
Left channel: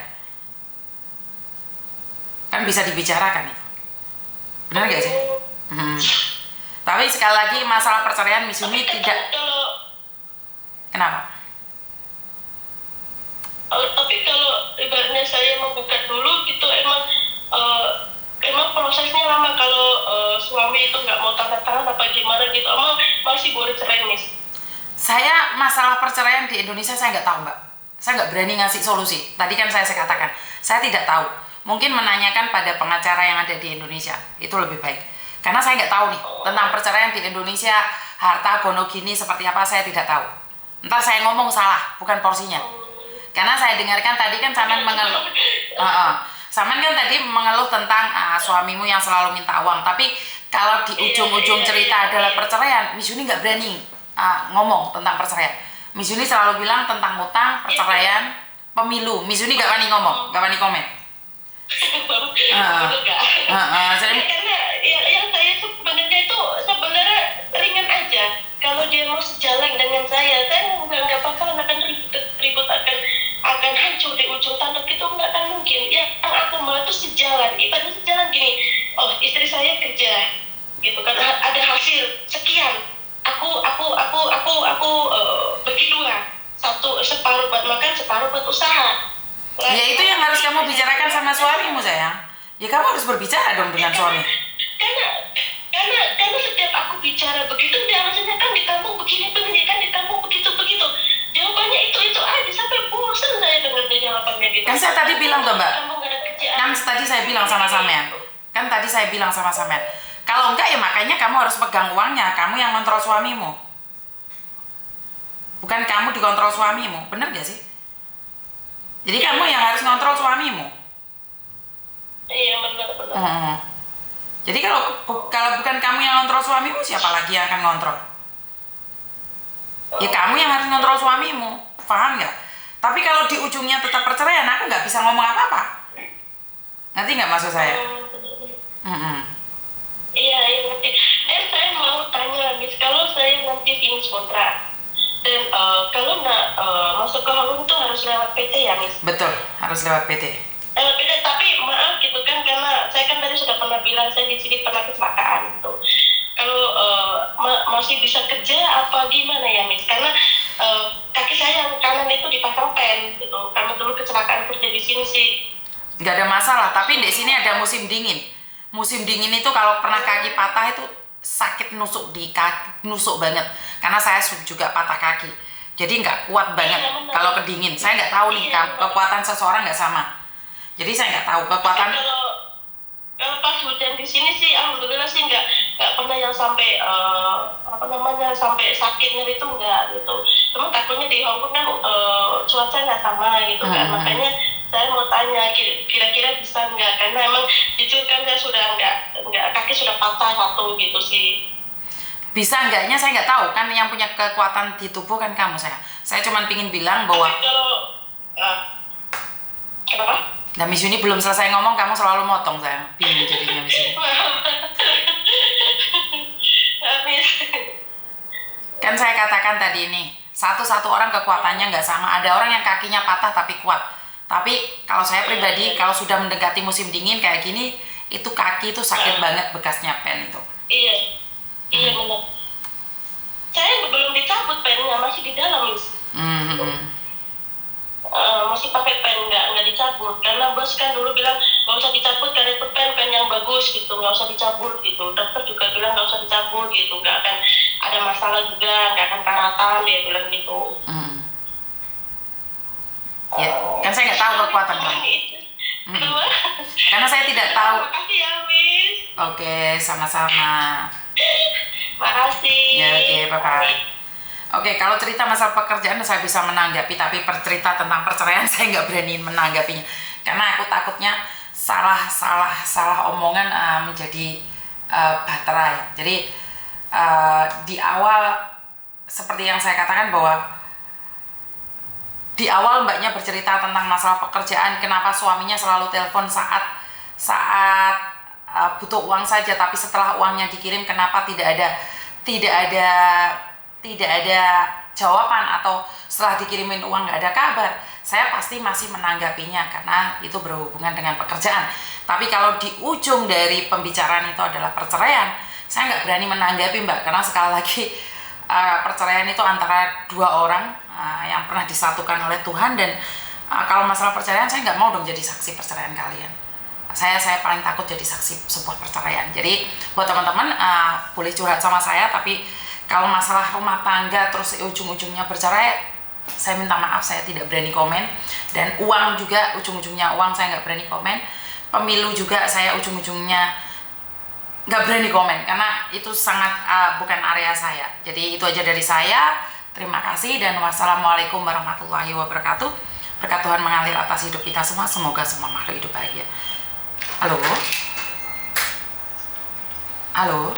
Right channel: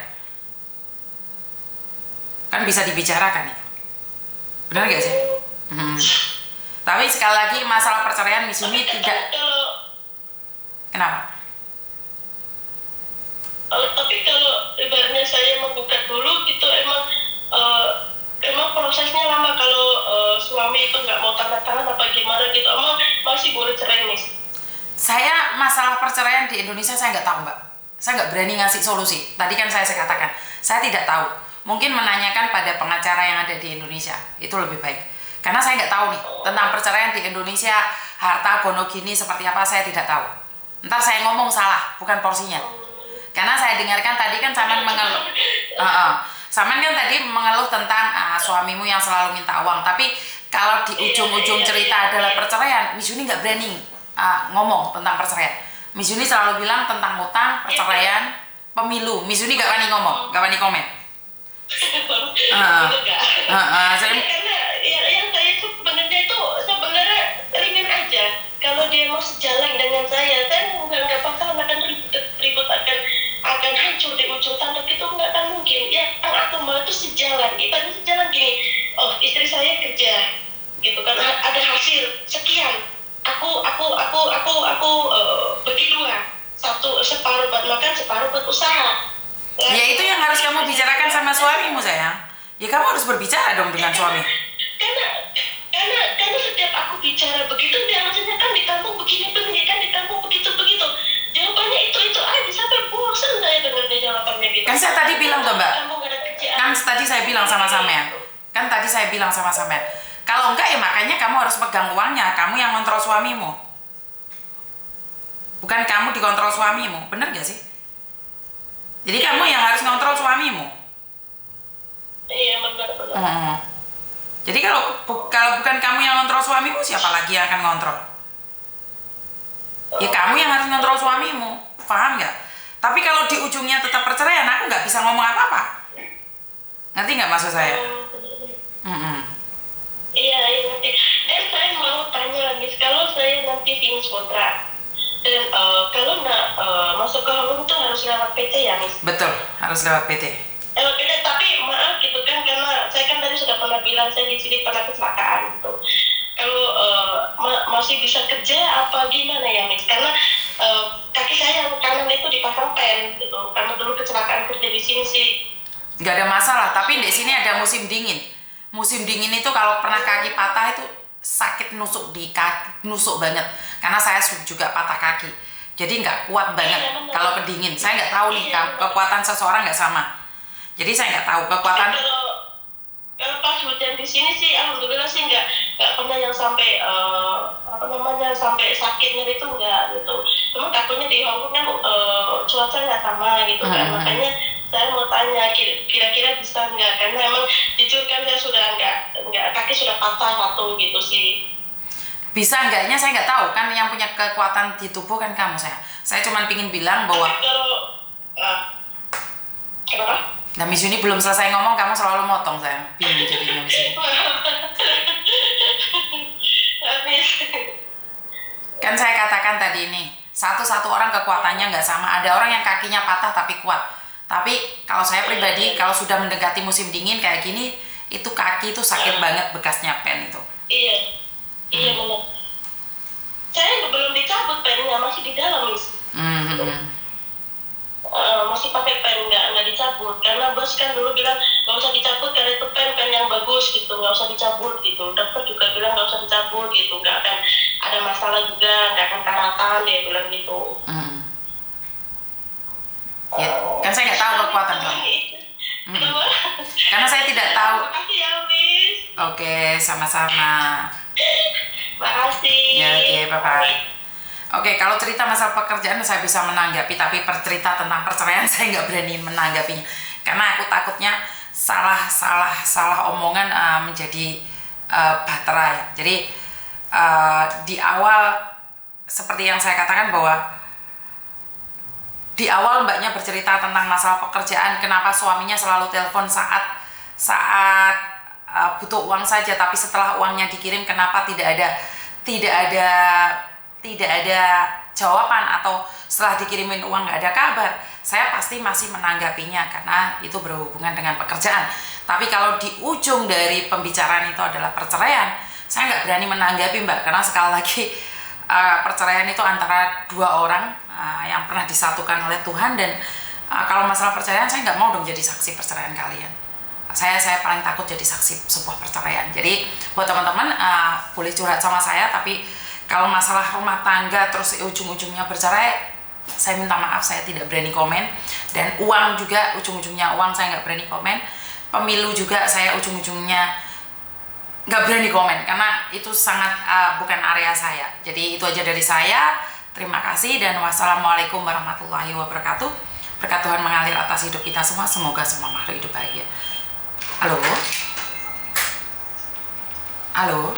Kan bisa dibicarakan itu. Benar nggak sih? Tapi sekali lagi masalah perceraian Miss Yuni tidak. Kenapa? Tapi kalau ibaratnya saya menggugat dulu gitu emang prosesnya lama kalau suami itu nggak mau tanda tangan apa gimana gitu, emang masih boleh cerai, Miss? Saya masalah perceraian di Indonesia saya nggak tahu Mbak. Saya nggak berani ngasih solusi. Tadi kan saya katakan, saya tidak tahu. Mungkin menanyakan pada pengacara yang ada di Indonesia, itu lebih baik. Karena saya nggak tahu nih, tentang perceraian di Indonesia, harta gonogini seperti apa, saya tidak tahu. Ntar saya ngomong salah, bukan porsinya. Karena saya dengarkan tadi kan Samen mengeluh. Samen kan tadi mengeluh tentang suamimu yang selalu minta uang. Tapi kalau di ujung-ujung cerita adalah perceraian, Miss Yuni nggak berani ngomong tentang perceraian. Miss Yuni selalu bilang tentang utang, perceraian, pemilu. Miss Yuni nggak berani ngomong, nggak berani komen. Karena yang saya sebenarnya itu sebenarnya ringan aja. Kalau dia mau sejalan dengan saya nggak bakalan akan ribut akan hancur di ujung tanduk, itu nggak akan mungkin. Yang aku mau itu sejalan. Ibaratnya sejalan gini. Oh, istri saya kerja, gitu kan, ada hasil sekian. Aku bagi dua, separuh buat makan, separuh buat usaha. Ya itu yang harus kamu bicarakan sama suamimu sayang. Ya kamu harus berbicara dong dengan suami. Karena setiap aku bicara begitu, dia maksudnya kan di kampung begini, kan di kampung begitu. Jawabannya itu aja, sampai bosan saya dengarnya jawabannya gitu. Kan saya tadi bilang tuh Mbak. Kamu gak ada kerjaan. Kan tadi saya bilang sama Samen. Kalau enggak ya makanya kamu harus pegang uangnya, kamu yang kontrol suamimu. Bukan kamu dikontrol suamimu, bener gak sih? Jadi kamu yang harus ngontrol suamimu. Iya benar. Jadi kalau bukan kamu yang ngontrol suamimu, siapa lagi yang akan ngontrol? Ya kamu yang harus ngontrol suamimu, paham nggak? Tapi kalau di ujungnya tetap perceraian, aku nggak bisa ngomong apa-apa. Ngerti nggak maksud saya? Iya ngerti. Dan saya mau tanya, Miss, kalau saya nanti finish kontrak dan kalau masuk ke Hongkong itu harus lewat PT ya, Miss? Betul, harus lewat PT. Tapi maaf gitu kan, karena saya kan tadi sudah pernah bilang saya di sini pernah kecelakaan gitu. Kalau masih bisa kerja apa gimana ya, Miss? Karena kaki saya yang kanan itu dipasang pen gitu. Karena dulu kecelakaan kerja di sini sih. Nggak ada masalah, tapi di sini ada musim dingin. Musim dingin itu kalau pernah kaki patah itu sakit, nusuk di kaki, nusuk banget. Karena saya juga patah kaki, jadi nggak kuat banget kalau kedingin. Saya nggak tahu nih kekuatan seseorang nggak sama. Jadi saya nggak tahu kekuatan. Kalau pas hujan di sini sih alhamdulillah sih nggak pernah yang sampai sampai sakit nyeri itu nggak gitu. Cuma takutnya di Hongkong kan cuaca nggak sama gitu kan. Makanya saya mau tanya kira-kira bisa nggak, karena emang jujur kan saya sudah nggak kaki sudah patah satu gitu sih. Bisa enggaknya saya nggak tahu, kan yang punya kekuatan di tubuh kan kamu. Saya cuma pingin bilang bahwa kenapa? Nah Miss Yuni belum selesai ngomong, kamu selalu motong, saya bingung jadinya Miss Yuni. Kan saya katakan tadi ini, satu orang kekuatannya nggak sama. Ada orang yang kakinya patah tapi kuat. Tapi kalau saya pribadi, kalau sudah mendekati musim dingin kayak gini, itu kaki itu sakit banget bekasnya pen itu. Iya benar. Saya belum dicabut pennya, masih di dalam, Miss. Masih pakai pen, nggak dicabut karena bos kan dulu bilang nggak usah dicabut karena itu pen yang bagus gitu, nggak usah dicabut gitu. Dokter juga bilang nggak usah dicabut gitu, nggak akan ada masalah juga, nggak akan karatan, dia bilang gitu. Ya, kan saya nggak tahu kekuatan kamu. Karena saya tidak tahu. Makasih ya, Miss. Oke, sama-sama. Makasih. Ya, oke, bye-bye. Oke, kalau cerita masalah pekerjaan saya bisa menanggapi, tapi cerita tentang perceraian saya nggak berani menanggapinya. Karena aku takutnya salah omongan menjadi baterai. Jadi di awal seperti yang saya katakan bahwa di awal mbaknya bercerita tentang masalah pekerjaan, kenapa suaminya selalu telepon saat butuh uang saja, tapi setelah uangnya dikirim kenapa tidak ada jawaban, atau setelah dikirimin uang nggak ada kabar. Saya pasti masih menanggapinya karena itu berhubungan dengan pekerjaan. Tapi kalau di ujung dari pembicaraan itu adalah perceraian, saya nggak berani menanggapi mbak, karena sekali lagi perceraian itu antara dua orang yang pernah disatukan oleh Tuhan, dan kalau masalah perceraian saya nggak mau dong jadi saksi perceraian kalian. Saya paling takut jadi saksi sebuah perceraian. Jadi buat teman-teman boleh curhat sama saya, tapi kalau masalah rumah tangga terus ujung-ujungnya bercerai, saya minta maaf, saya tidak berani komen. Dan uang juga, ujung-ujungnya uang, saya nggak berani komen. Pemilu juga saya ujung-ujungnya nggak berani komen, karena itu sangat bukan area saya. Jadi itu aja dari saya. Terima kasih dan wassalamualaikum warahmatullahi wabarakatuh. Berkat Tuhan mengalir atas hidup kita semua. Semoga semua makhluk hidup bahagia. Halo? Halo?